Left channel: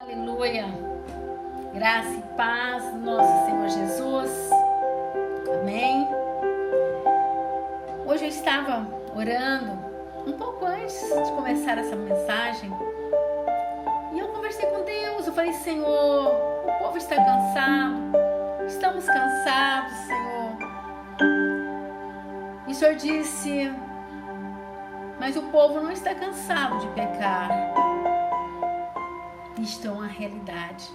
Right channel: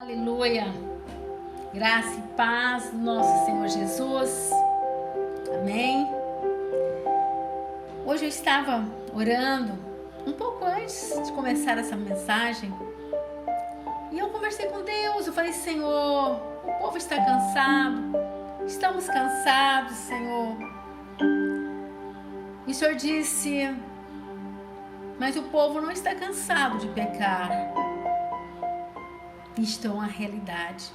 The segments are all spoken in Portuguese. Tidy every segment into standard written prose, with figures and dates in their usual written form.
Aleluia, graça e paz do nosso Senhor Jesus, amém. Hoje eu estava orando um pouco antes de começar essa mensagem e eu conversei com Deus. Eu falei: Senhor, o povo está cansado, estamos cansados, Senhor. E o Senhor disse: mas o povo não está cansado de pecar. Isto é uma realidade.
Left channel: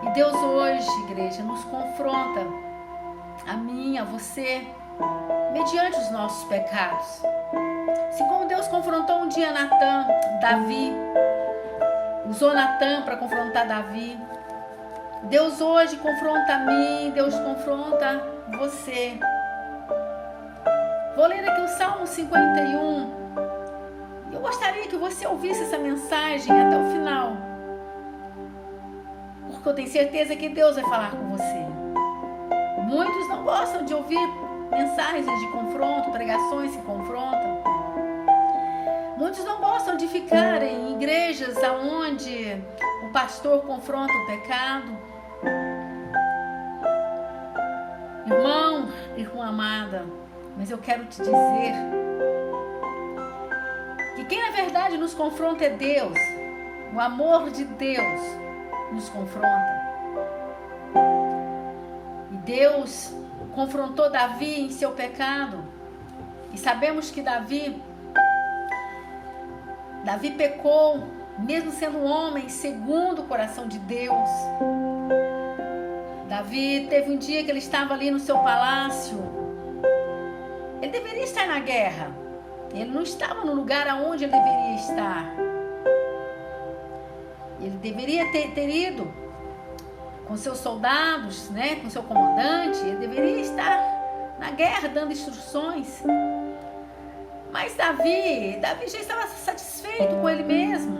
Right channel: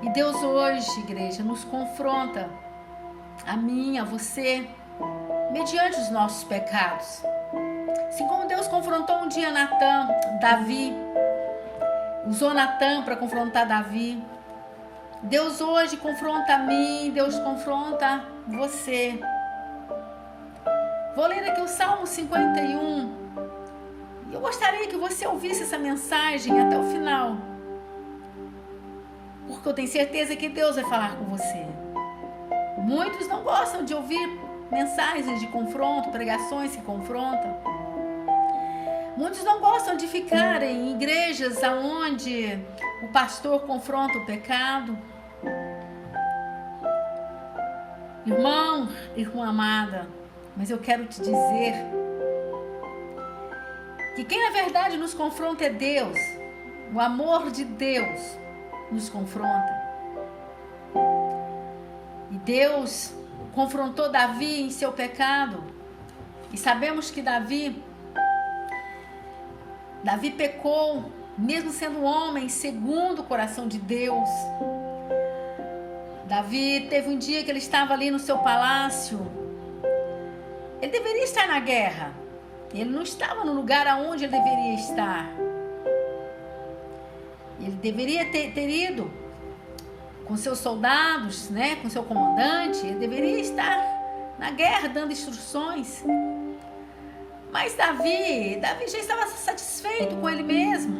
E Deus hoje, igreja, nos confronta, a mim, a você, mediante os nossos pecados. Assim como Deus confrontou um dia Davi, usou Natã para confrontar Davi, Deus hoje confronta a mim, Deus confronta você. Vou ler aqui o Salmo 51. Eu gostaria que você ouvisse essa mensagem até o final, porque eu tenho certeza que Deus vai falar com você. Muitos não gostam de ouvir mensagens de confronto, pregações que confrontam. Muitos não gostam de ficar em igrejas onde o pastor confronta o pecado. Irmão, irmã amada, mas eu quero te dizer que quem na verdade nos confronta é Deus. O amor de Deus nos confronta. E Deus confrontou Davi em seu pecado. E sabemos que Davi pecou, mesmo sendo um homem segundo o coração de Deus. Davi teve um dia que ele estava ali no seu palácio. Ele deveria estar na guerra. Ele não estava no lugar aonde ele deveria estar. Ele deveria ter ido com seus soldados, né, com seu comandante. Ele deveria estar na guerra dando instruções. Mas Davi já estava satisfeito com ele mesmo.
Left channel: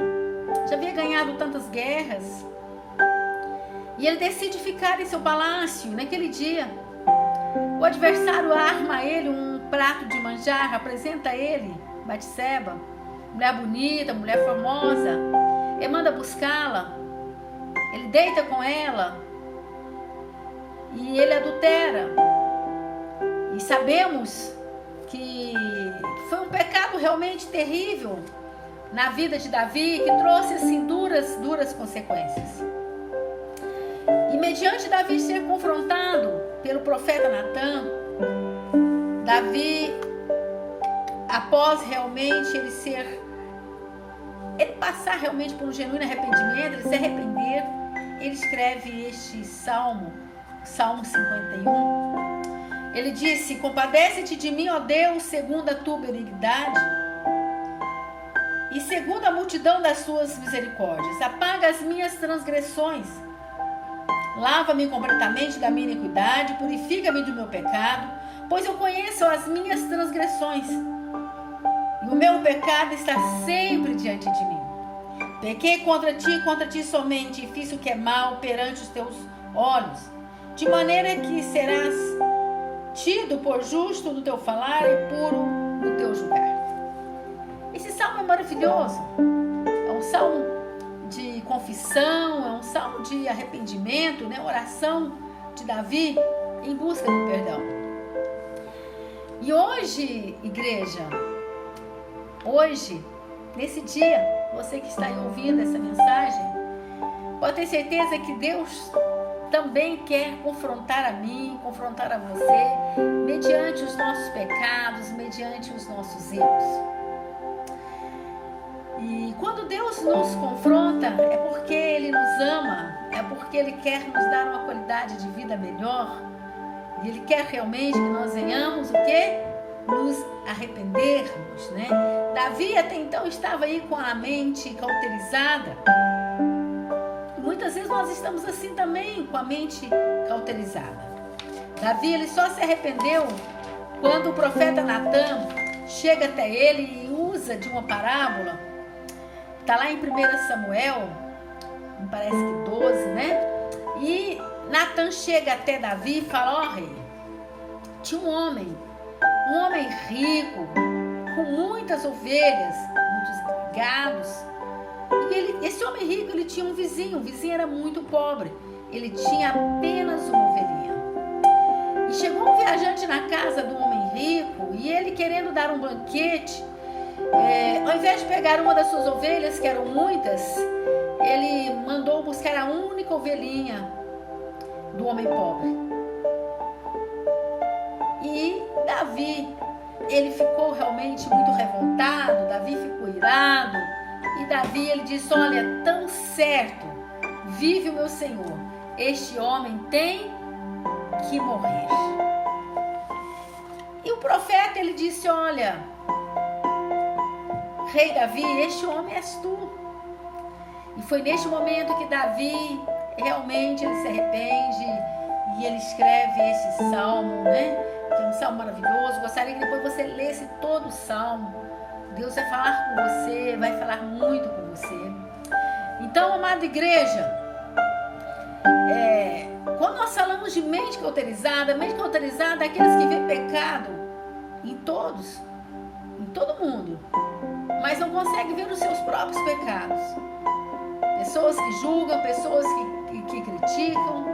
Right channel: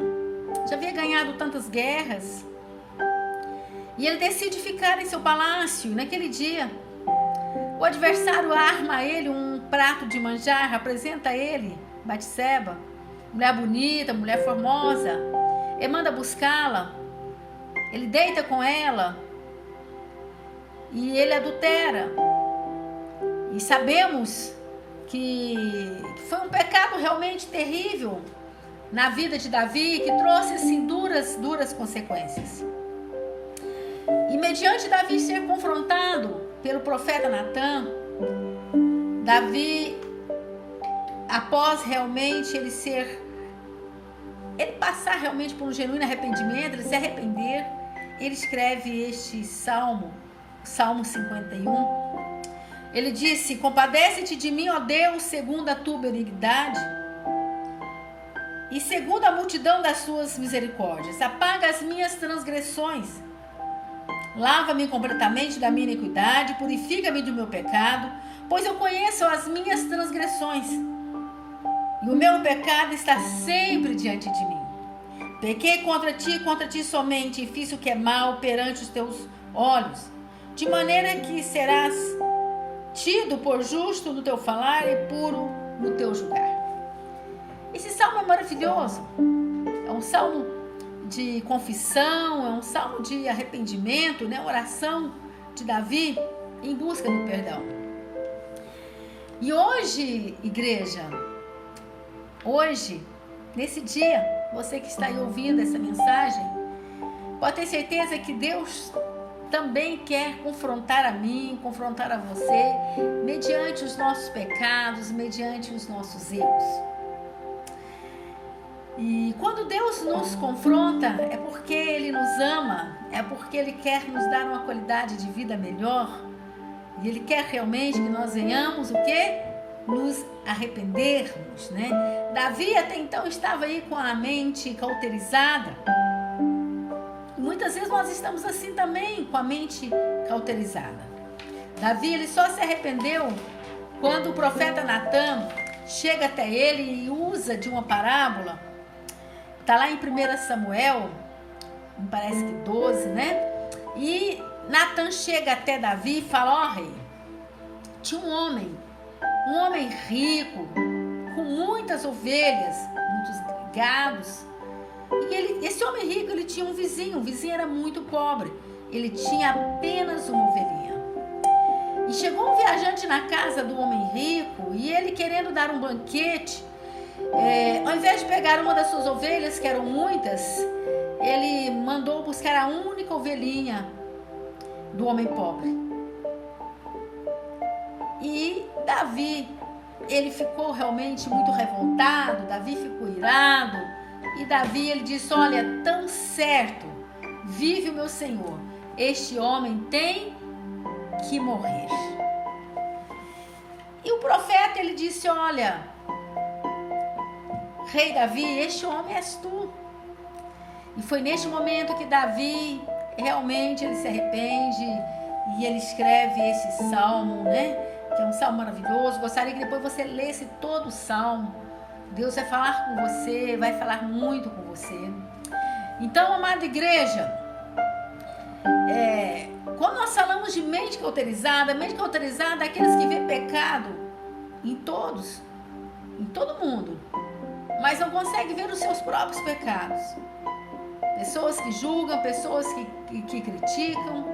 Já havia ganhado tantas guerras. E ele decide ficar em seu palácio naquele dia. O adversário arma a ele um prato de manjar, apresenta a ele Batseba, mulher bonita, mulher formosa. Ele manda buscá-la, ele deita com ela e ele adultera. E sabemos que foi um pecado realmente terrível na vida de Davi, que trouxe assim duras consequências. E mediante Davi ser confrontado pelo profeta Natã, Davi, após realmente ele passar realmente por um genuíno arrependimento, ele se arrepender, ele escreve este Salmo 51. Ele disse: compadece-te de mim, ó Deus, segundo a tua benignidade e segundo a multidão das suas misericórdias. Apaga as minhas transgressões. Lava-me completamente da minha iniquidade, purifica-me do meu pecado, pois eu conheço as minhas transgressões, e o meu pecado está sempre diante de mim. Pequei contra ti somente, e fiz o que é mal perante os teus olhos, de maneira que serás tido por justo no teu falar e puro no teu julgar. Esse salmo é maravilhoso, é um salmo de confissão, é um salmo de arrependimento, né? Oração de Davi em busca do perdão. E hoje, igreja, hoje, nesse dia, você que está aí ouvindo essa mensagem, pode ter certeza que Deus também quer confrontar a mim, confrontar a você, mediante os nossos pecados, mediante os nossos erros. E quando Deus nos confronta, é porque Ele nos ama, é porque Ele quer nos dar uma qualidade de vida melhor. E Ele quer realmente que nós venhamos o quê? Nos arrependermos, né? Davi até então estava aí com a mente cauterizada. E muitas vezes nós estamos assim também, com a mente cauterizada. Davi, ele só se arrependeu quando o profeta Natã chega até ele e usa de uma parábola. Está lá em 1 Samuel, me parece que 12, né? E Natã chega até Davi e fala: ó rei, tinha um homem rico, com muitas ovelhas, muitos gados, E esse homem rico, ele tinha um vizinho. O vizinho era muito pobre. Ele tinha apenas uma ovelhinha. E chegou um viajante na casa do homem rico, e ele, querendo dar um banquete, ao invés de pegar uma das suas ovelhas, que eram muitas, ele mandou buscar a única ovelhinha do homem pobre. E Davi, ele ficou realmente muito revoltado. Davi ficou irado. E Davi, ele disse: olha, tão certo vive o meu Senhor, este homem tem que morrer. E o profeta, ele disse: olha, rei Davi, este homem és tu. E foi neste momento que Davi realmente ele se arrepende e ele escreve esse salmo, né? Que é um salmo maravilhoso. Gostaria que depois você lesse todo o salmo. Deus vai falar com você, vai falar muito com você. Então, amada igreja, quando nós falamos de mente cauterizada é aqueles que vê pecado em todos, em todo mundo, mas não consegue ver os seus próprios pecados. Pessoas que julgam, pessoas que criticam.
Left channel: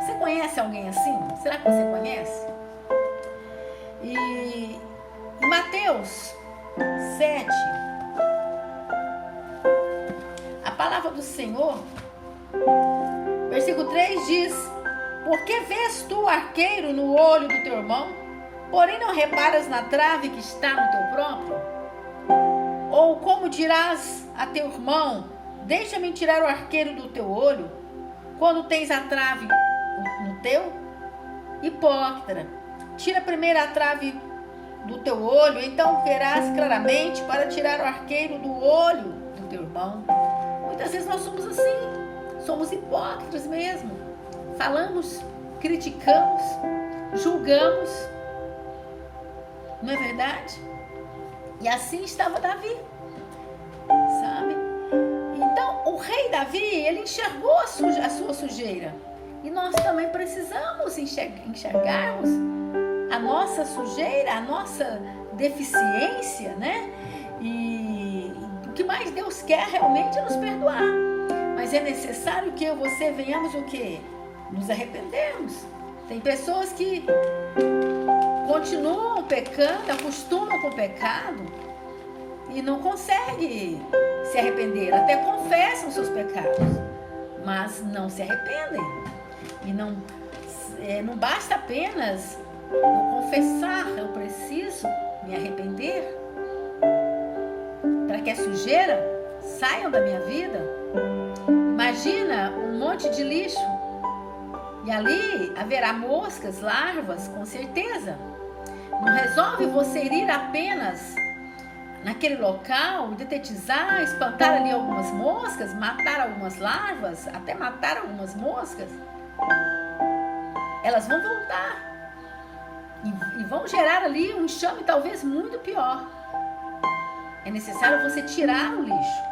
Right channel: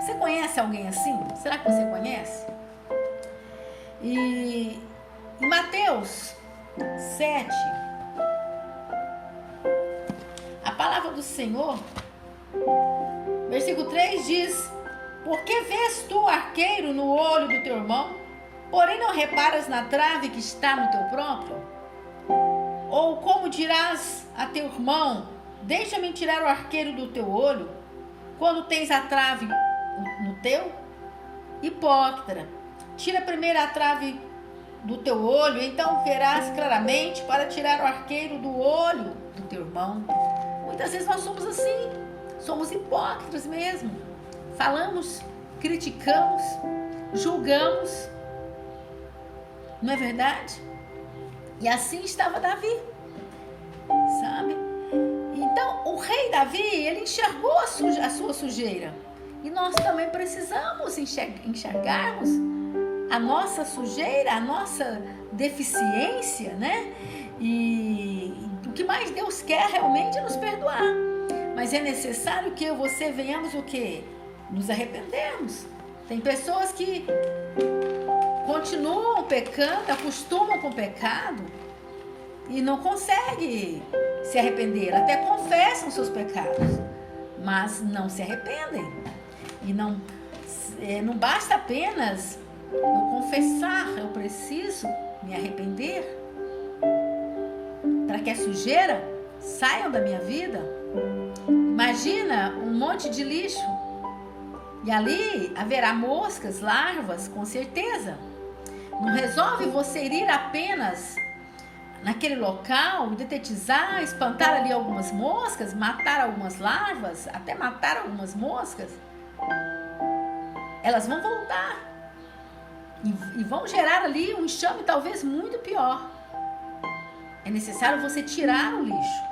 Você conhece alguém assim? Será que você conhece? E em Mateus 7, a palavra do Senhor, versículo 3 diz: por que vês tu o arqueiro no olho do teu irmão, porém não reparas na trave que está no teu próprio? Ou como dirás a teu irmão: deixa-me tirar o arqueiro do teu olho, quando tens a trave no teu? Hipócrita, tira primeiro a trave do teu olho, então verás claramente para tirar o arqueiro do olho do teu irmão. Muitas vezes nós somos assim, somos hipócritas mesmo. Falamos, criticamos, julgamos. Não é verdade? E assim estava Davi, sabe? Então, o rei Davi, ele enxergou a sua sujeira. E nós também precisamos enxergarmos a nossa sujeira, a nossa deficiência, né? E o que mais Deus quer realmente é nos perdoar. Mas é necessário que eu e você venhamos o quê? Nos arrependermos. Tem pessoas que continuam pecando, acostumam com o pecado e não conseguem se arrepender. Até confessam seus pecados, mas não se arrependem. E não basta apenas eu confessar, eu preciso me arrepender para que a sujeira saia da minha vida. Imagina um monte de lixo e ali haverá moscas, larvas, com certeza. Não resolve você ir apenas naquele local, detetizar, espantar ali algumas moscas, matar algumas larvas, até matar algumas moscas. Elas vão voltar e vão gerar ali um enxame talvez muito pior. É necessário você tirar o lixo.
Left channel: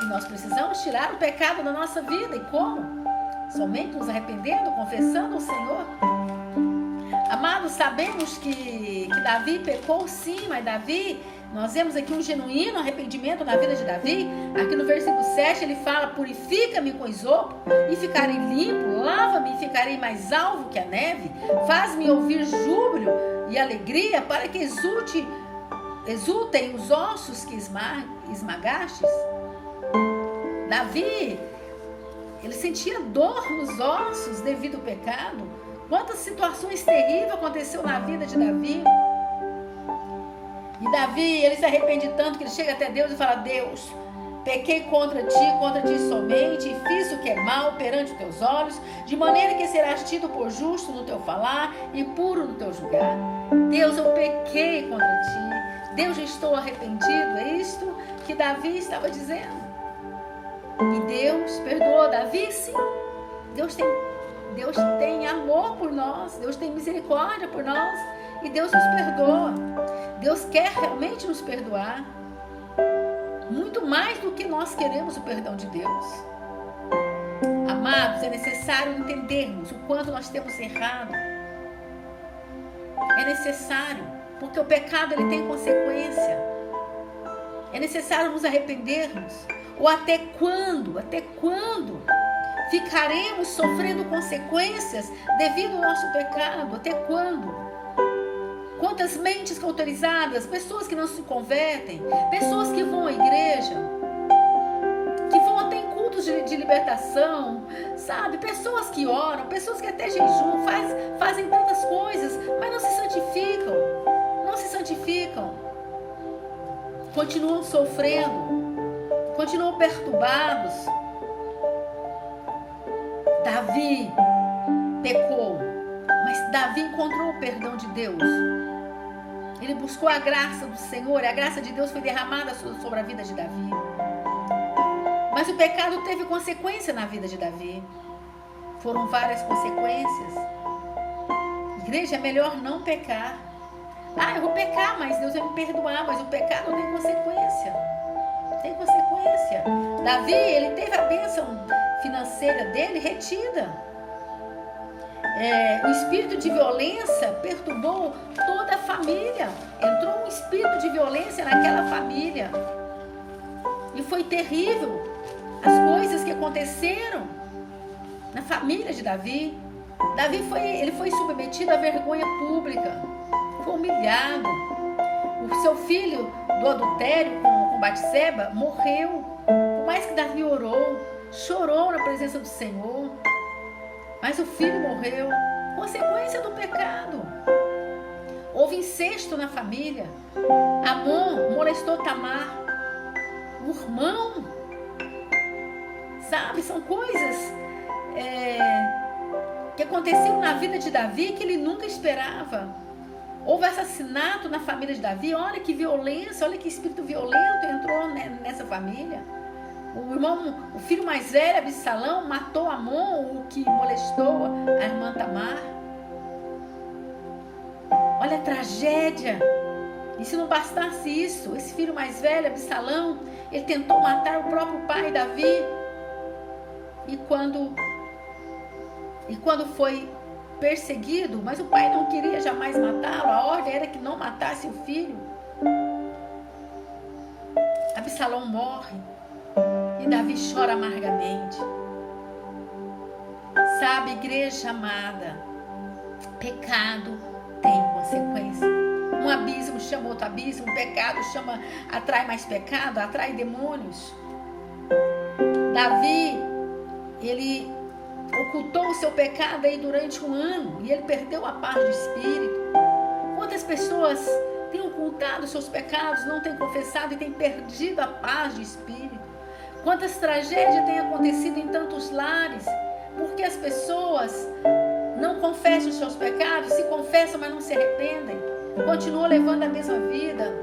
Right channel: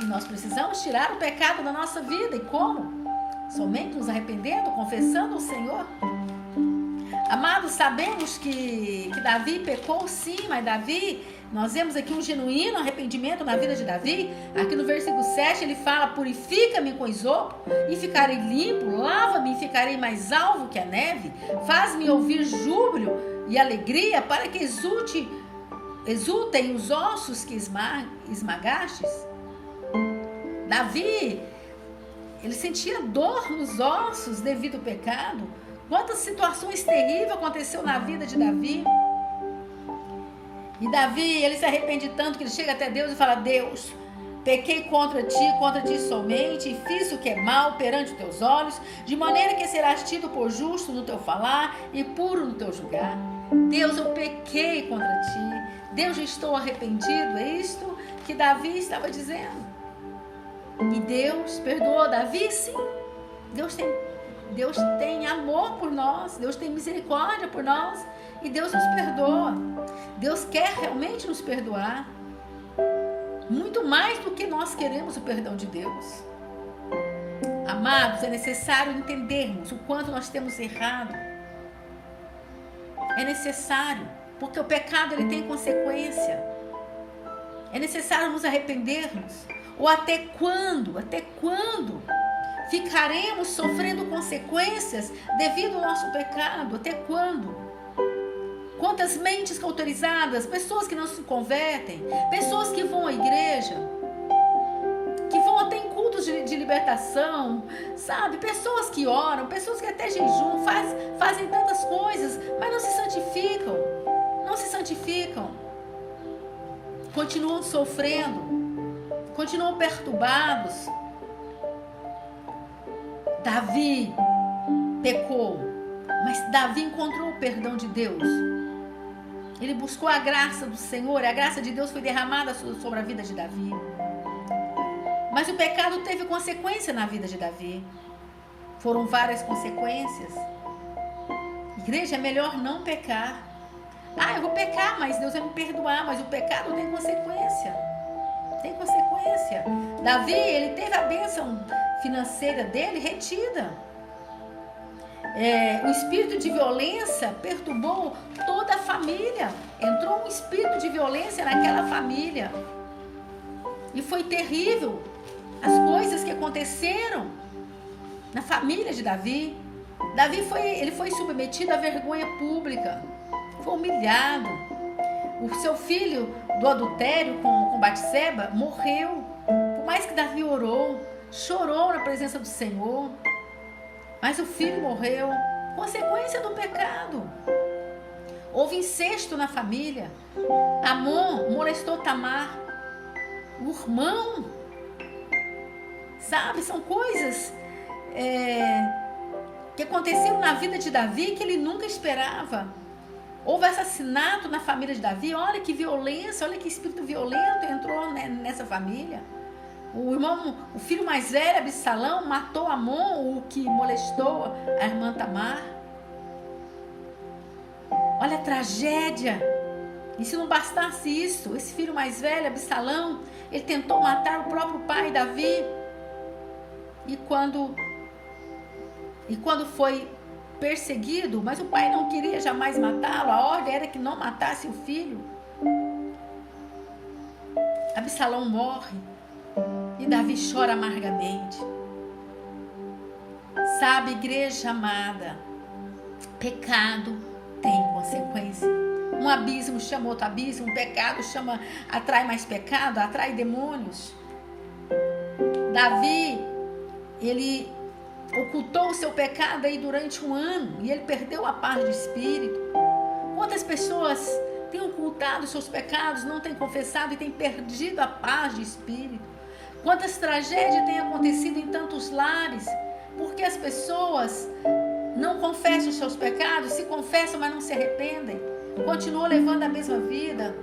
E nós precisamos tirar o pecado da nossa vida. E como? Somente nos arrependendo, confessando ao Senhor. Amados, sabemos que Davi pecou sim, mas Davi, nós vemos aqui um genuíno arrependimento na vida de Davi. Aqui no versículo 7 ele fala: purifica-me com isopo e ficarei limpo, lava-me e ficarei mais alvo que a neve, faz-me ouvir júbilo e alegria para que exultem os ossos que esmagastes. Davi, ele sentia dor nos ossos devido ao pecado. Quantas situações terríveis aconteceu na vida de Davi. E Davi, ele se arrepende tanto que ele chega até Deus e fala: Deus, pequei contra ti somente, e fiz o que é mal perante os teus olhos, de maneira que serás tido por justo no teu falar e puro no teu julgar. Deus, eu pequei contra ti. Deus, eu estou arrependido. É isto que Davi estava dizendo. E Deus perdoou Davi, sim. Deus tem amor por nós, Deus tem misericórdia por nós e Deus nos perdoa. Deus quer realmente nos perdoar, muito mais do que nós queremos o perdão de Deus. Amados, é necessário entendermos o quanto nós temos errado. É necessário, porque o pecado ele tem consequência. É necessário nos arrependermos. Ou até quando? Até quando ficaremos sofrendo consequências devido ao nosso pecado? Até quando? Quantas mentes cauterizadas, pessoas que não se convertem, pessoas que vão à igreja, que vão até em cultos de libertação, sabe? Pessoas que oram, pessoas que até jejum, fazem tantas coisas, mas não se santificam. Não se santificam. Continuam sofrendo. Continuam perturbados. Davi pecou, mas Davi encontrou o perdão de Deus. Ele buscou a graça do Senhor, e a graça de Deus foi derramada sobre a vida de Davi. Mas o pecado teve consequência na vida de Davi. Foram várias consequências. Igreja, é melhor não pecar. Eu vou pecar, mas Deus vai me perdoar. Mas o pecado tem consequência. Tem consequência. Davi, ele teve a bênção financeira dele retida. O espírito de violência perturbou toda a família. Entrou um espírito de violência naquela família. E foi terrível as coisas que aconteceram na família de Davi. Davi foi submetido à vergonha pública. Foi humilhado. O seu filho do adultério com Batseba morreu. Por mais que Davi orou, chorou na presença do Senhor, mas o filho morreu. Consequência do pecado. Houve incesto na família. Amon molestou Tamar, o irmão. Sabe, são coisas que aconteceram na vida de Davi que ele nunca esperava. Houve assassinato na família de Davi. Olha que violência, olha que espírito violento entrou nessa família. O filho mais velho, Absalão, matou Amon, o que molestou a irmã Tamar. Olha a tragédia. E se não bastasse isso, esse filho mais velho, Absalão, ele tentou matar o próprio pai, Davi. E quando foi perseguido, mas o pai não queria jamais matá-lo, a ordem era que não matasse o filho. Absalão morre e Davi chora amargamente. Sabe, igreja amada, pecado tem consequência. Um abismo chama outro abismo, um pecado atrai mais pecado, atrai demônios. Davi, ele ocultou o seu pecado aí durante 1 ano e ele perdeu a paz de espírito. Quantas pessoas têm ocultado os seus pecados, não têm confessado e têm perdido a paz de espírito? Quantas tragédias têm acontecido em tantos lares porque as pessoas não confessam os seus pecados, se confessam, mas não se arrependem, continuam levando a mesma vida.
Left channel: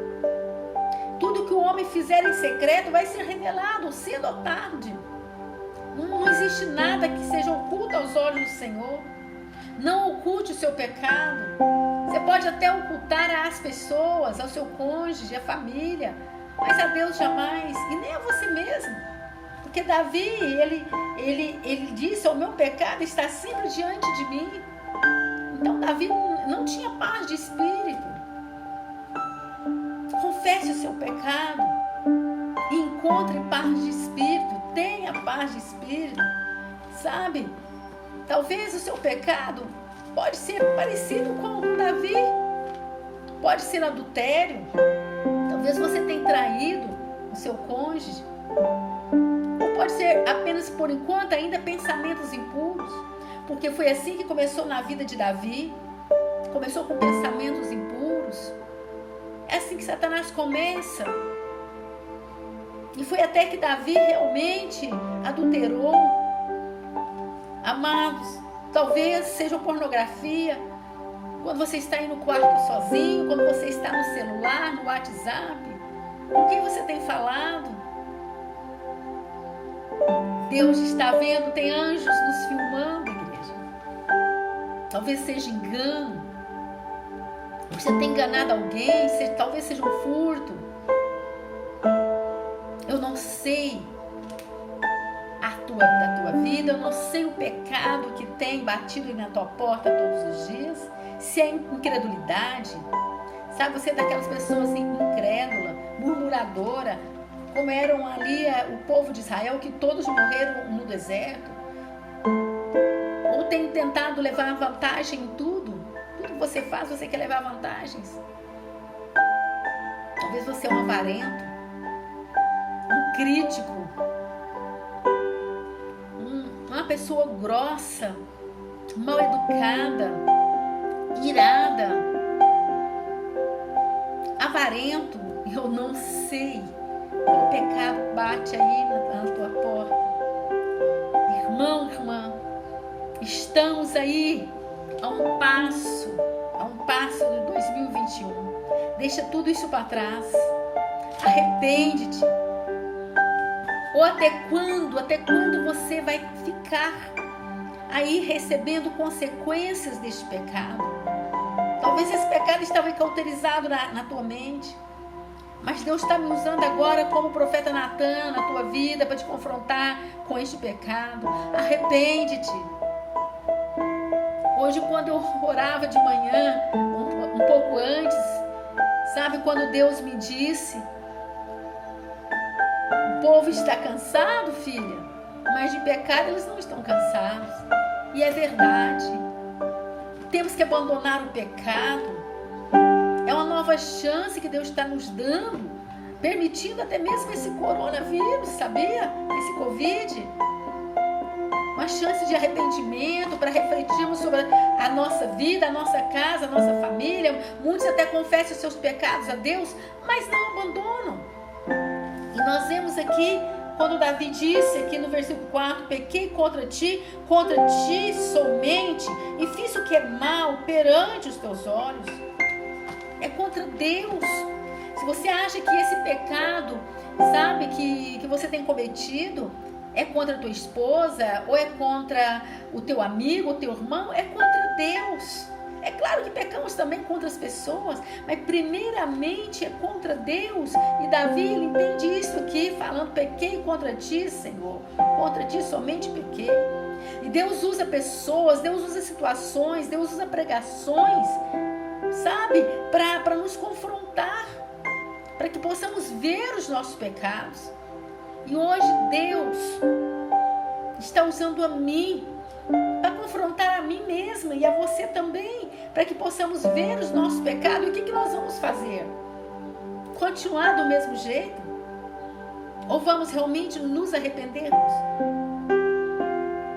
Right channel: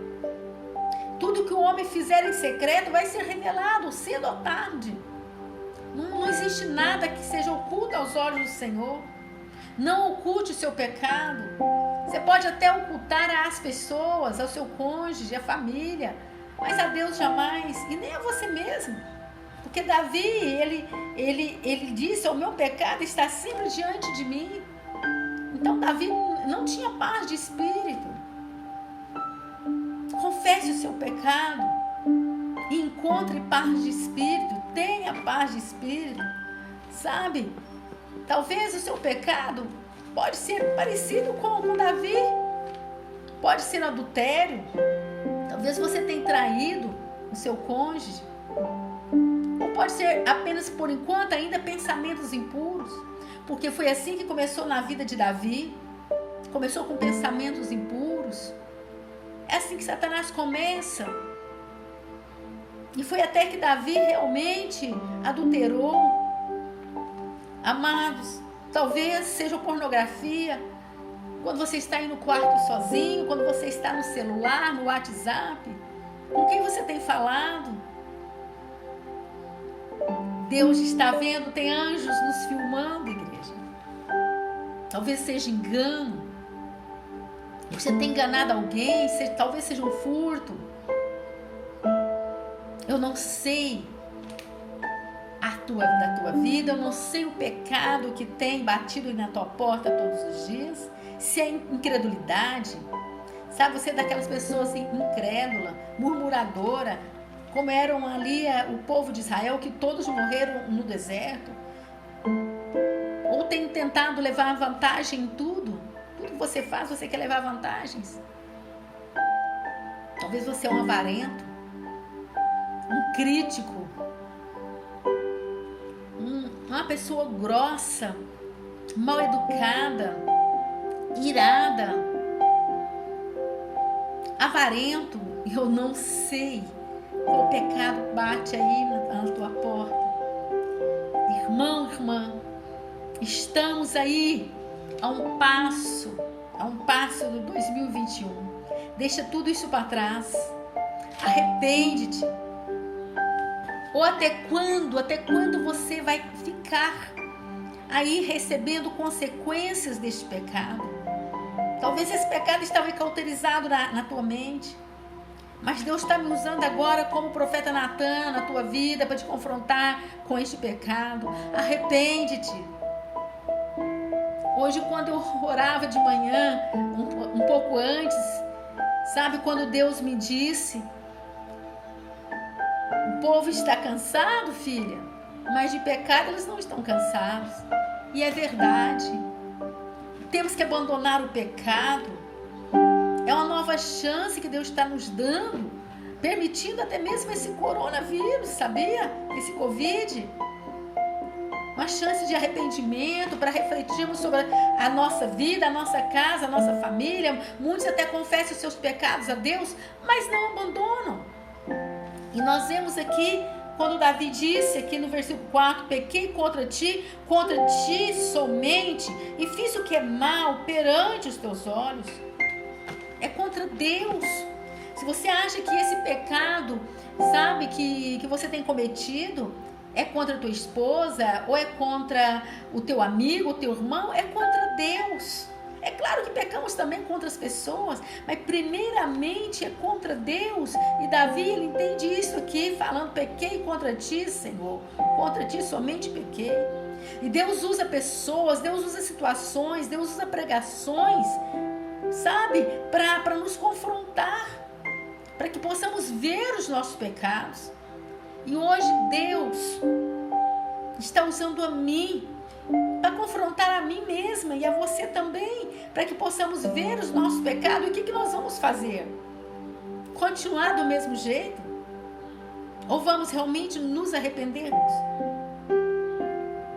Tudo que o homem fizer em secreto vai ser revelado cedo ou tarde. Não existe nada que seja oculto aos olhos do Senhor. Não oculte o seu pecado. Você pode até ocultar às pessoas, ao seu cônjuge, à família, mas a Deus jamais, e nem a você mesmo. Porque Davi, ele disse: o meu pecado está sempre diante de mim. Então Davi não tinha paz de espírito. Confesse o seu pecado e encontre paz de espírito. Tenha paz de espírito. Sabe, talvez o seu pecado pode ser parecido com Davi. Pode ser adultério. Talvez você tenha traído o seu cônjuge. Ou pode ser apenas, por enquanto, ainda pensamentos impuros. Porque foi assim que começou na vida de Davi. Começou com pensamentos impuros. É assim que Satanás começa. E foi até que Davi realmente adulterou. Amados, talvez seja pornografia. Quando você está aí no quarto sozinho, quando você está no celular, no WhatsApp, com quem você tem falado? Deus está vendo, tem anjos nos filmando, igreja. Talvez seja engano. Você tem enganado alguém, talvez seja um furto. Eu não sei da tua vida, eu não sei o pecado que tem batido na tua porta todos os dias, se é incredulidade. Sabe, você é daquelas pessoas assim, incrédula, murmuradora, como eram ali o povo de Israel, que todos morreram no deserto, ou tem tentado levar vantagem em tudo que você faz, você quer levar vantagens. Talvez você é um avarento, um crítico, uma pessoa grossa, mal educada, irada, avarento. Eu não sei qual pecado bate aí na tua porta. Irmão, irmã, estamos aí a um passo de 2021. Deixa tudo isso para trás. Arrepende-te. Ou até quando você vai ficar aí recebendo consequências deste pecado? Talvez esse pecado estava cauterizado na tua mente. Mas Deus está me usando agora como profeta Natan na tua vida para te confrontar com este pecado. Arrepende-te. Hoje, quando eu orava de manhã, um pouco antes, sabe quando Deus me disse: o povo está cansado, filha, mas de pecado eles não estão cansados. E é verdade. Temos que abandonar o pecado. É uma nova chance que Deus está nos dando, permitindo até mesmo esse coronavírus, sabia? Esse Covid. Uma chance de arrependimento para refletirmos sobre a nossa vida, a nossa casa, a nossa família. Muitos até confessam os seus pecados a Deus, mas não abandonam. E nós vemos aqui, quando Davi disse aqui no versículo 4, pequei contra ti somente, e fiz o que é mal perante os teus olhos. É contra Deus. Se você acha que esse pecado, sabe, que você tem cometido, é contra a tua esposa, ou é contra o teu amigo, o teu irmão, é contra Deus. É claro que pecamos também contra as pessoas, mas primeiramente é contra Deus. E Davi, ele entende isso aqui, falando: pequei contra ti, Senhor, contra ti somente pequei. E Deus usa pessoas, Deus usa situações, Deus usa pregações, sabe, para nos confrontar, para que possamos ver os nossos pecados. E hoje Deus está usando a mim para confrontar a mim mesma e a você também, para que possamos ver os nossos pecados. E o que nós vamos fazer? Continuar do mesmo jeito? Ou vamos realmente nos arrependermos?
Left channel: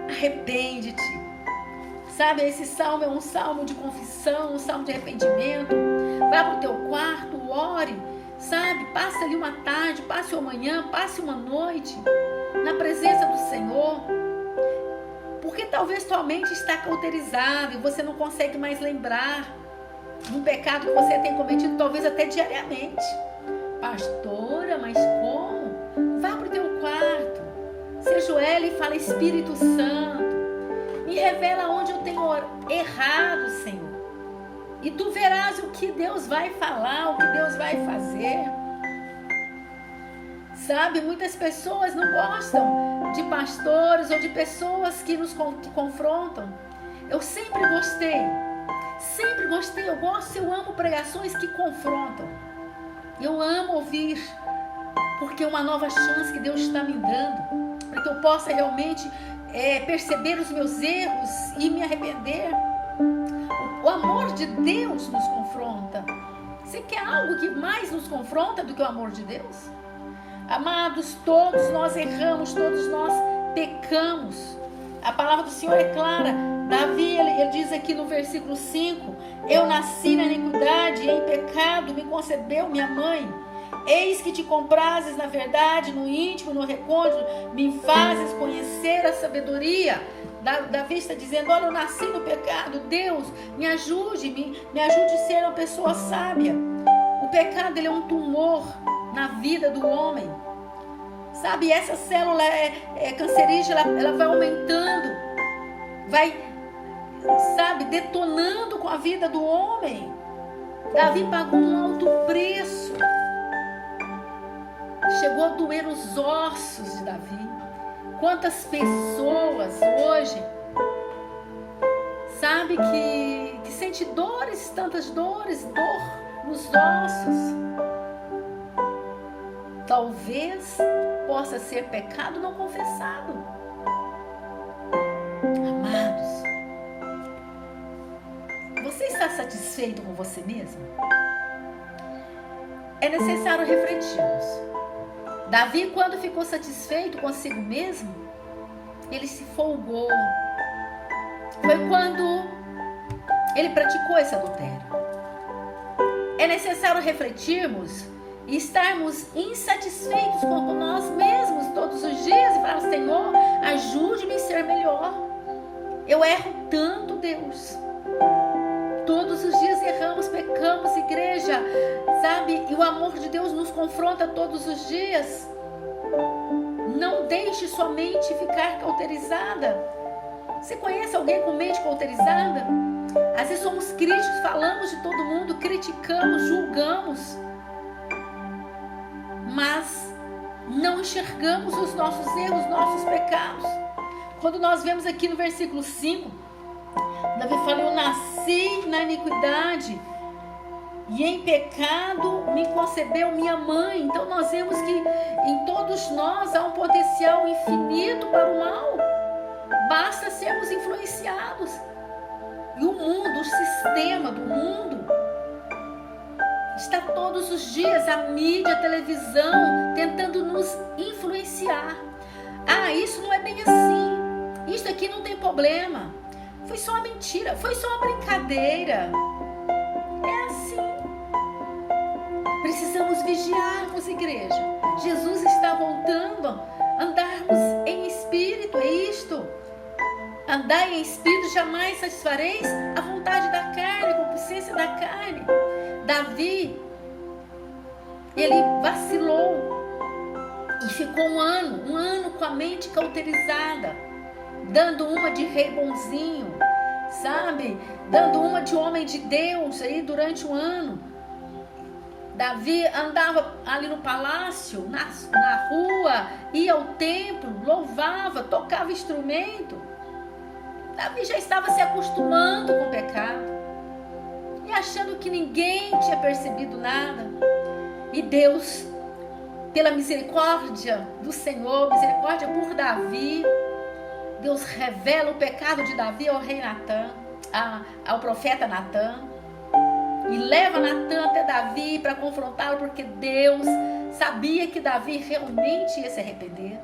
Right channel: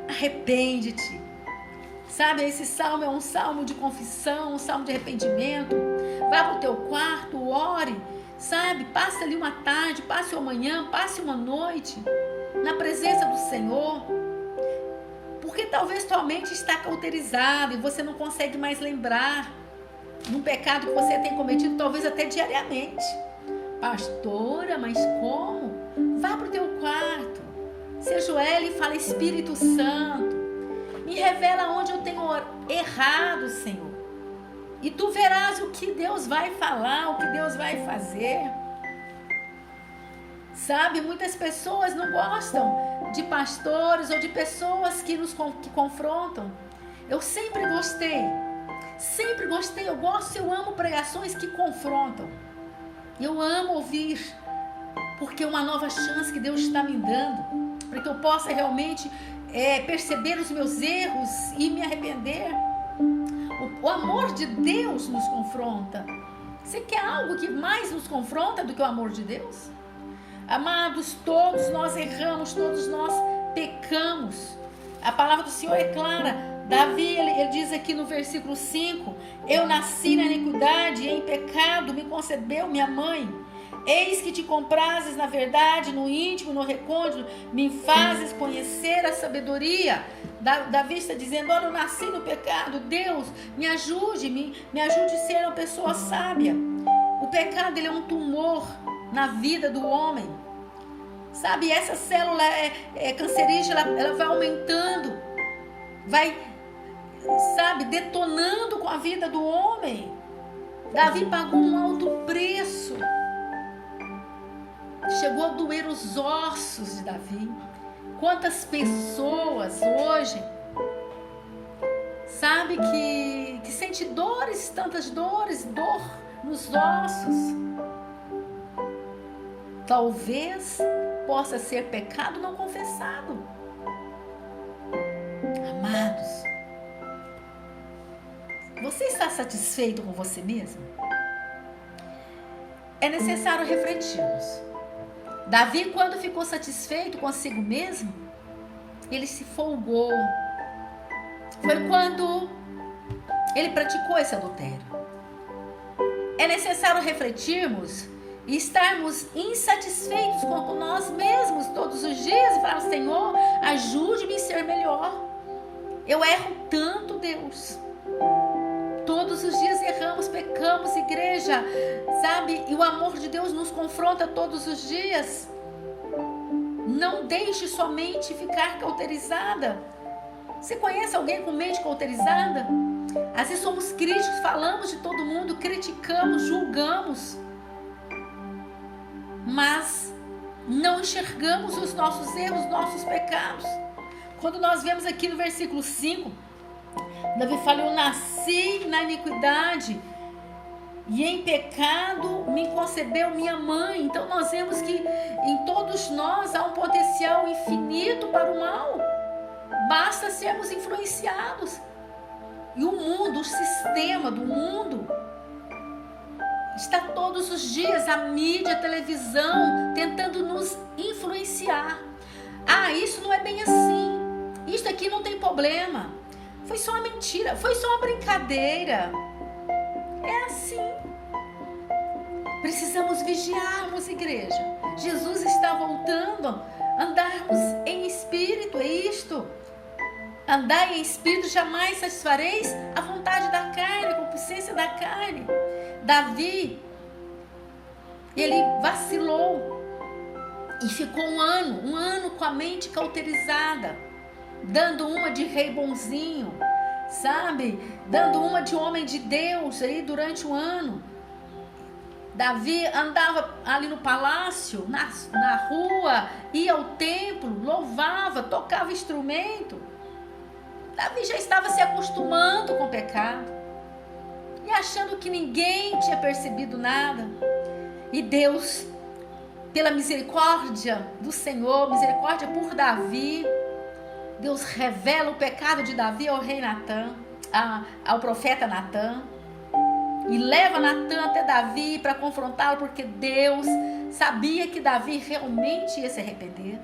Arrepende-te. Sabe, esse salmo é um salmo de confissão, um salmo de arrependimento. Vá para o teu quarto, ore, sabe? Passe ali uma tarde, passe uma manhã, passe uma noite na presença do Senhor. Porque talvez tua mente está cauterizada e você não consegue mais lembrar um pecado que você tem cometido, talvez até diariamente. Pastora, mas como? Vá para o teu quarto, se ajoelhe e fala: Espírito Santo, me revela onde eu tenho errado, Senhor. E tu verás o que Deus vai falar, o que Deus vai fazer. Sabe, muitas pessoas não gostam de pastores ou de pessoas que confrontam. Eu sempre gostei, eu amo pregações que confrontam. Eu amo ouvir, porque é uma nova chance que Deus está me dando, para que eu possa realmente perceber os meus erros e me arrepender. O amor de Deus nos confronta. Você quer algo que mais nos confronta do que o amor de Deus? Amados, todos nós erramos, todos nós pecamos. A palavra do Senhor é clara. Davi, ele diz aqui no versículo 5: eu nasci na iniquidade e em pecado me concebeu minha mãe. Eis que te comprazes na verdade, no íntimo, no recôndito, me fazes conhecer a sabedoria. Davi está dizendo: olha, eu nasci no pecado, Deus, me ajude a ser uma pessoa sábia. O pecado, ele é um tumor na vida do homem. Sabe, essa célula cancerígena, ela vai aumentando, vai, sabe, detonando com a vida do homem. Davi pagou um alto preço. Chegou a doer os ossos de Davi. Quantas pessoas hoje, sabe, que sente dores, tantas dores, dor nos ossos. talvez possa ser pecado não confessado. Amados, você está satisfeito com você mesmo? É necessário refletirmos. Davi, quando ficou satisfeito consigo mesmo, ele se folgou. Foi quando ele praticou esse adultério. É necessário refletirmos e estarmos insatisfeitos com nós mesmos todos os dias e falar: Senhor, ajude-me a ser melhor. Eu erro tanto, Deus. Todos os dias erramos, pecamos, igreja, sabe? E o amor de Deus nos confronta todos os dias. Não deixe sua mente ficar cauterizada. Você conhece alguém com mente cauterizada? Às vezes somos críticos, falamos de todo mundo, criticamos, julgamos, mas não enxergamos os nossos erros, os nossos pecados. Quando nós vemos aqui no versículo 5, Davi fala: eu nasci na iniquidade e em pecado me concebeu minha mãe. Então nós vemos que em todos nós há um potencial infinito para o mal. Basta sermos influenciados. E o mundo, o sistema do mundo, está todos os dias, a mídia, a televisão, tentando nos influenciar. Ah, isso não é bem assim. Isso aqui não tem problema. Foi só uma mentira, foi só uma brincadeira. É assim. Precisamos vigiarmos, igreja. Jesus está voltando. Andarmos em espírito, é isto. Andai em espírito, jamais satisfareis a vontade da carne, a concupiscência da carne. Davi, ele vacilou e ficou um ano com a mente cauterizada, dando uma de rei bonzinho, sabe? Dando uma de homem de Deus aí durante um ano. Davi andava ali no palácio, na rua, ia ao templo, louvava, tocava instrumento. Davi já estava se acostumando com o pecado e achando que ninguém tinha percebido nada. E Deus, pela misericórdia do Senhor, misericórdia por Davi, Deus revela o pecado de Davi ao rei Natã, ao profeta Natã, e leva Natã até Davi para confrontá-lo, porque Deus sabia que Davi realmente ia se arrepender.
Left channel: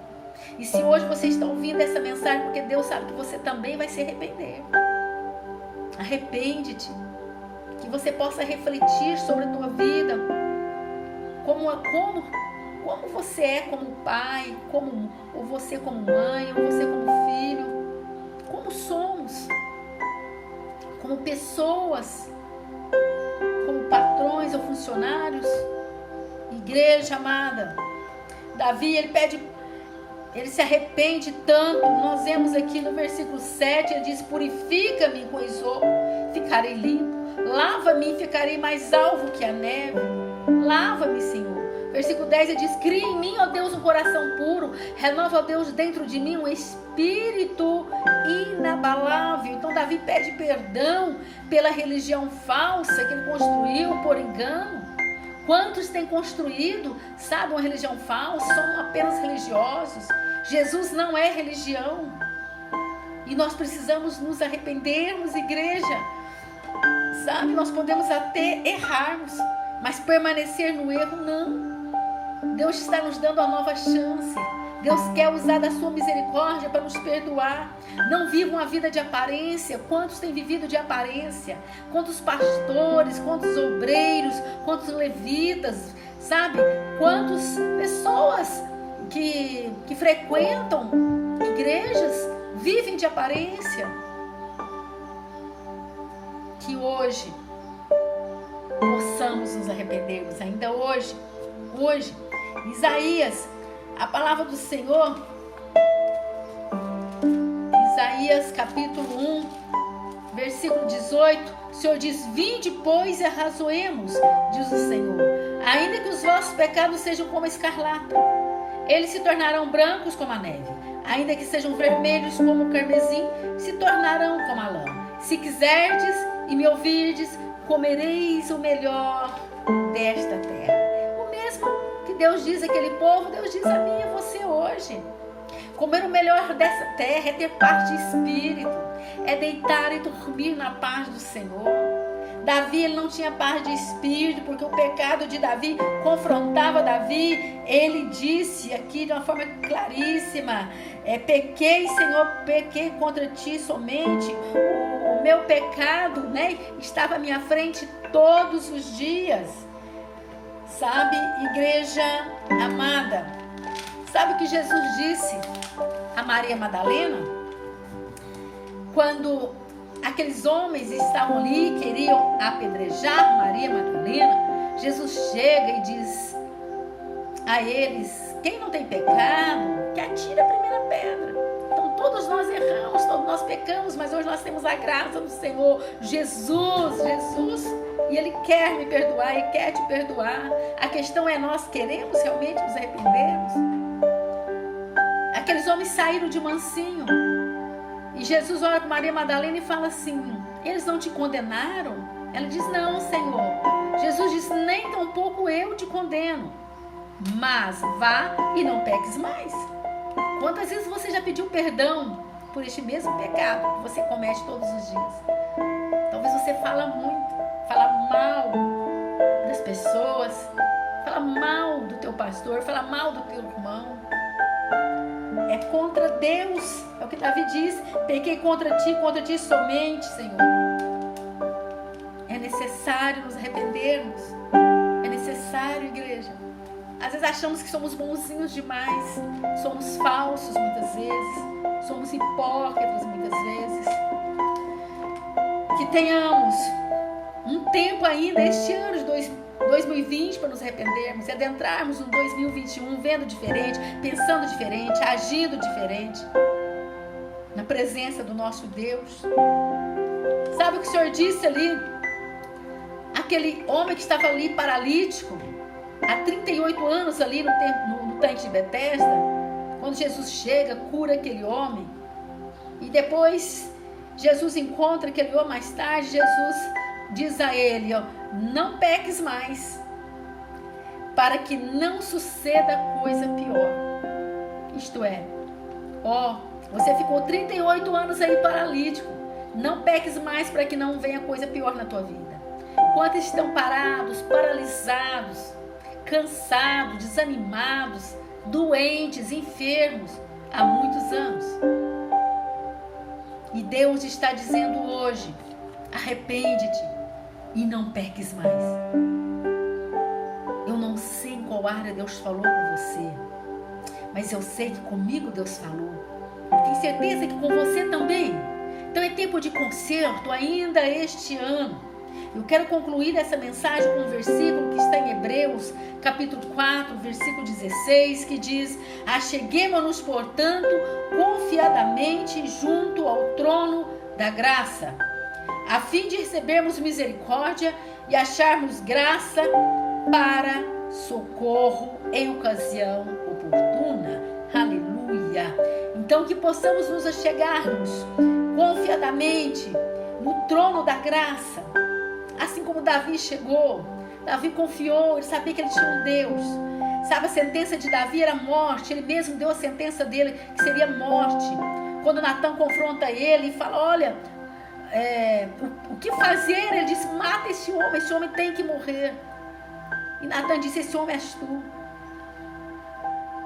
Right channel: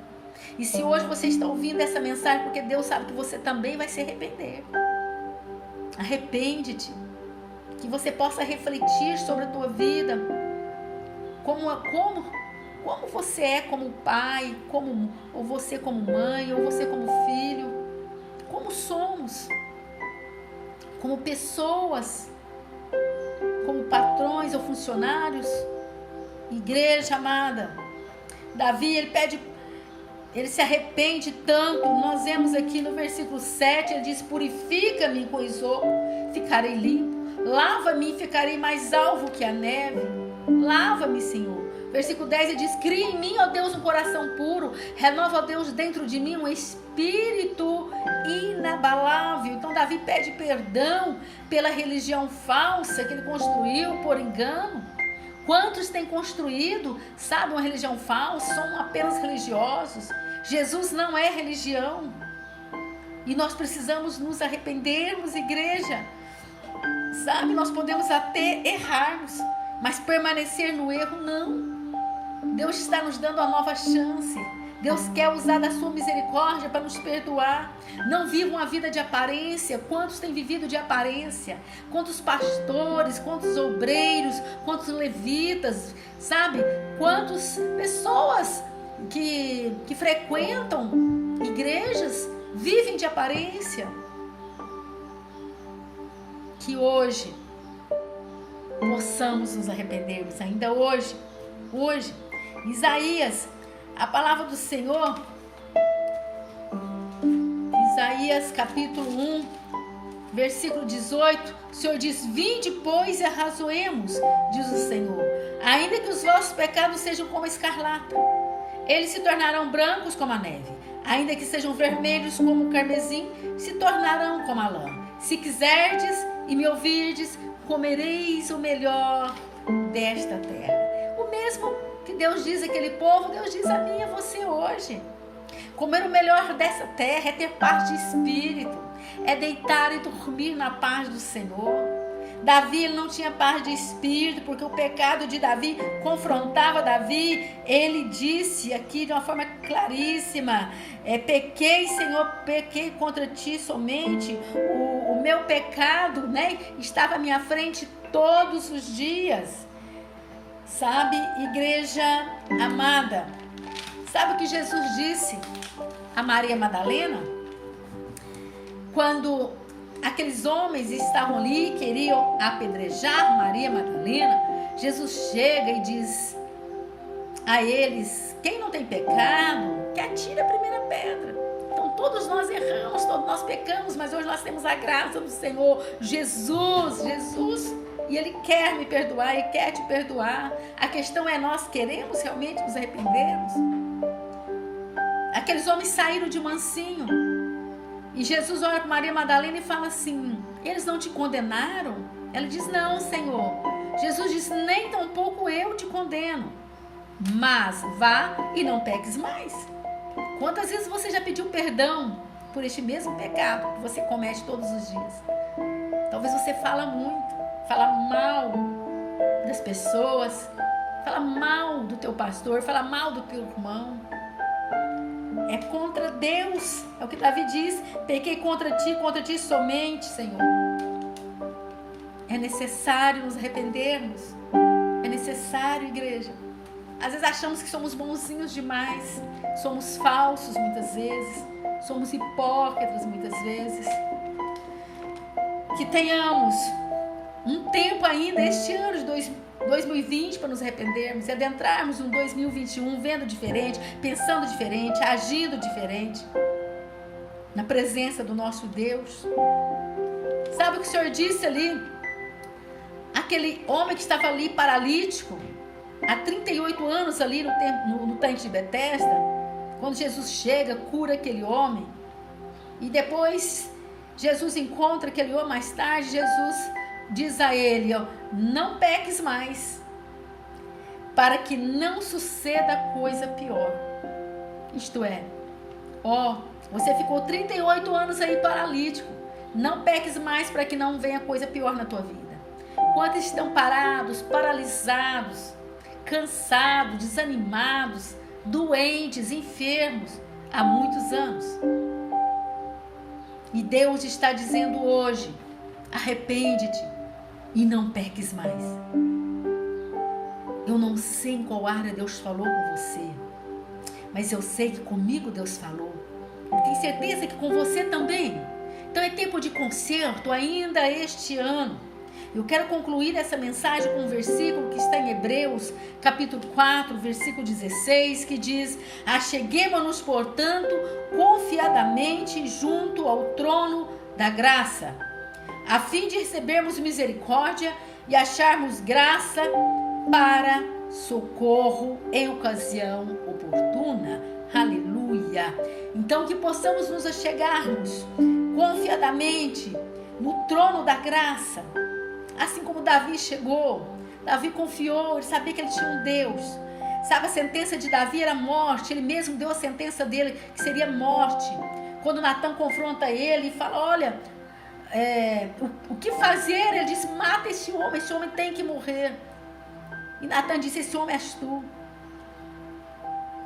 E se hoje você está ouvindo essa mensagem, porque Deus sabe que você também vai se arrepender. Arrepende-te. Que você possa refletir sobre a tua vida. Como você é como pai, ou você como mãe, ou você como filho. Como somos. Como pessoas. Como patrões ou funcionários. Igreja amada. Davi, ele se arrepende tanto. Nós vemos aqui no versículo 7, ele diz: purifica-me com isopo, ficarei limpo. Lava-me e ficarei mais alvo que a neve. Lava-me, Senhor. Versículo 10, ele diz: cria em mim, ó Deus, um coração puro. Renova, ó Deus, dentro de mim um espírito inabalável. Então Davi pede perdão pela religião falsa que ele construiu por engano. Quantos têm construído, sabe, uma religião falsa? São apenas religiosos. Jesus não é religião. E nós precisamos nos arrependermos, igreja. Sabe, nós podemos até errarmos, mas permanecer no erro, não. Deus está nos dando uma nova chance. Deus quer usar da sua misericórdia para nos perdoar. Não vivam a vida de aparência. Quantos têm vivido de aparência? Quantos pastores, quantos obreiros, quantos levitas, sabe? Quantas pessoas que frequentam igrejas vivem de aparência. Que hoje possamos nos arrependermos, ainda hoje. Isaías, a palavra do Senhor, Isaías capítulo 1, versículo 18, o Senhor diz: vinde, pois, e arrazoemos, diz o Senhor, ainda que os vossos pecados sejam como a escarlata, eles se tornarão brancos como a neve, ainda que sejam vermelhos como o carmesim, se tornarão como a lã. Se quiserdes e me ouvirdes, comereis o melhor desta terra. O mesmo que Deus diz àquele povo, Deus diz a mim e a você hoje. Comer o melhor dessa terra é ter paz de espírito, é deitar e dormir na paz do Senhor. Davi, ele não tinha paz de espírito, porque o pecado de Davi confrontava Davi. Ele disse aqui de uma forma claríssima, pequei, Senhor, pequei contra ti somente. O meu pecado, né, estava à minha frente todos os dias. Sabe, igreja amada, sabe o que Jesus disse a Maria Madalena? Quando aqueles homens estavam ali, queriam apedrejar Maria Madalena, Jesus chega e diz a eles: quem não tem pecado, que atire a primeira pedra. Então todos nós erramos, todos nós pecamos, mas hoje nós temos a graça do Senhor Jesus, e Ele quer me perdoar e quer te perdoar. A questão é, nós queremos realmente nos arrependermos? Aqueles homens saíram de mansinho. E Jesus olha para Maria Madalena e fala assim: eles não te condenaram? Ela diz: não, Senhor. Jesus diz: nem tampouco eu te condeno, mas vá e não peques mais. Quantas vezes você já pediu perdão por este mesmo pecado que você comete todos os dias? Talvez você fala muito, fala mal das pessoas, fala mal do teu pastor, fala mal do teu irmão. É contra Deus, é o que Davi diz: pequei contra ti somente, Senhor. É necessário nos arrependermos, é necessário, igreja. Às vezes achamos que somos bonzinhos demais, somos falsos muitas vezes, somos hipócritas muitas vezes. Que tenhamos um tempo ainda este ano de 2020 para nos arrependermos e adentrarmos um 2021 vendo diferente, pensando diferente, agindo diferente, na presença do nosso Deus. Sabe o que o Senhor disse ali? Aquele homem que estava ali paralítico há 38 anos ali no tanque de Betesda, quando Jesus chega, cura aquele homem, e depois Jesus encontra aquele homem mais tarde. Jesus diz a ele: não peques mais, para que não suceda coisa pior. Isto é, você ficou 38 anos aí paralítico, não peques mais para que não venha coisa pior na tua vida. Quantos estão parados, paralisados, cansados, desanimados, doentes, enfermos há muitos anos? E Deus está dizendo hoje: arrepende-te e não peques mais. Eu não sei em qual área Deus falou com você, mas eu sei que comigo Deus falou. Eu tenho certeza que com você também. Então é tempo de conserto ainda este ano. Eu quero concluir essa mensagem com um versículo que está em Hebreus, capítulo 4, versículo 16, que diz: acheguemo-nos, portanto, confiadamente junto ao trono da graça, a fim de recebermos misericórdia e acharmos graça para socorro em ocasião oportuna. Aleluia! Então que possamos nos achegarmos confiadamente no trono da graça, assim como Davi chegou. Davi confiou, ele sabia que ele tinha um Deus. Sabe, a sentença de Davi era morte, ele mesmo deu a sentença dele, que seria morte. Quando Natã confronta ele e fala: olha, o que fazer? Ele disse: mata esse homem tem que morrer. E Natã disse: esse homem és tu.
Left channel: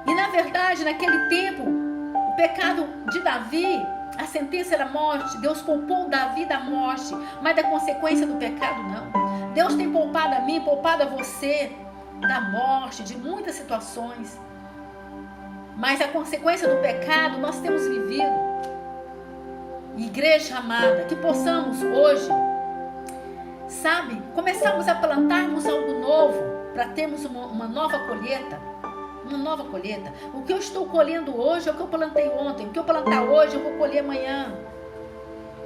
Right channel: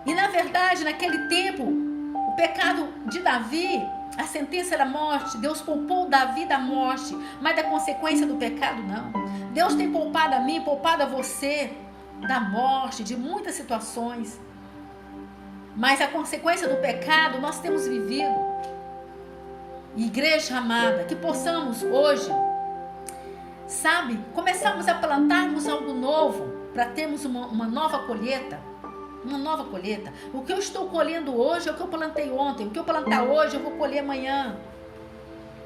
E na verdade, naquele tempo, o pecado de Davi, a sentença era morte. Deus poupou Davi da morte, mas da consequência do pecado não. Deus tem poupado a mim, poupado a você da morte, de muitas situações. Mas a consequência do pecado nós temos vivido. Igreja amada, que possamos hoje, sabe, começarmos a plantarmos algo novo, para termos uma nova colheita. Uma nova colheita. O que eu estou colhendo hoje é o que eu plantei ontem. O que eu plantar hoje eu vou colher amanhã.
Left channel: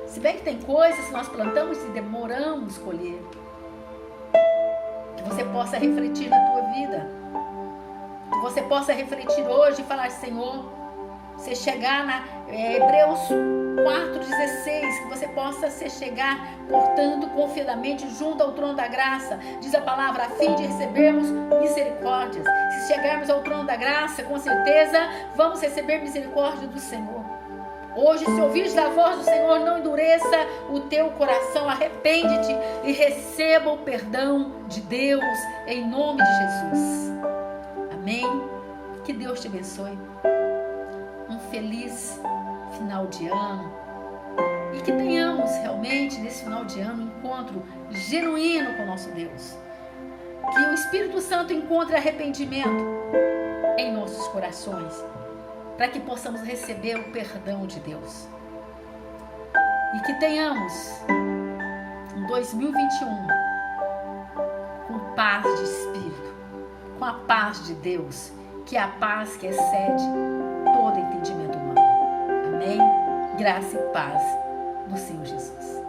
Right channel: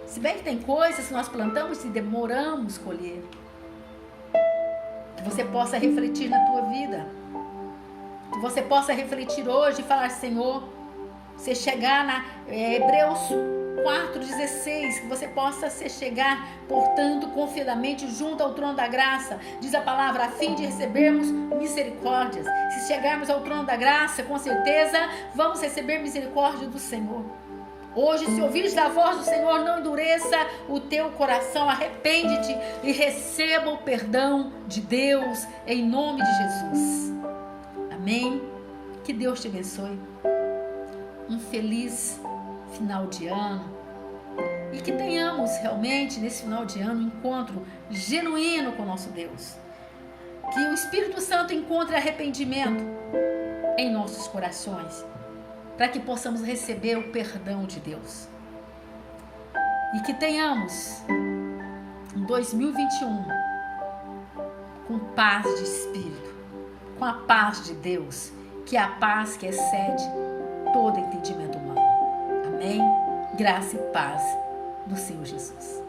Se bem que tem coisas que nós plantamos e demoramos colher. Que você possa refletir na tua vida. Que você possa refletir hoje e falar: Senhor, você chegar na Hebreus 4,16, que você possa se chegar, portanto, confiadamente junto ao trono da graça, diz a palavra, a fim de recebermos misericórdias. Se chegarmos ao trono da graça, com certeza, vamos receber misericórdia do Senhor. Hoje, se ouvires a voz do Senhor, não endureça o teu coração, arrepende-te e receba o perdão de Deus, em nome de Jesus. Amém? Que Deus te abençoe. Um feliz final de ano. E que tenhamos realmente, nesse final de ano, um encontro genuíno com o nosso Deus. Que o Espírito Santo encontre arrependimento em nossos corações, para que possamos receber o perdão de Deus. E que tenhamos um 2021 com paz de espírito, com a paz de Deus, que é a paz que excede todo entendimento humano. Amém? Graça e paz do Senhor Jesus.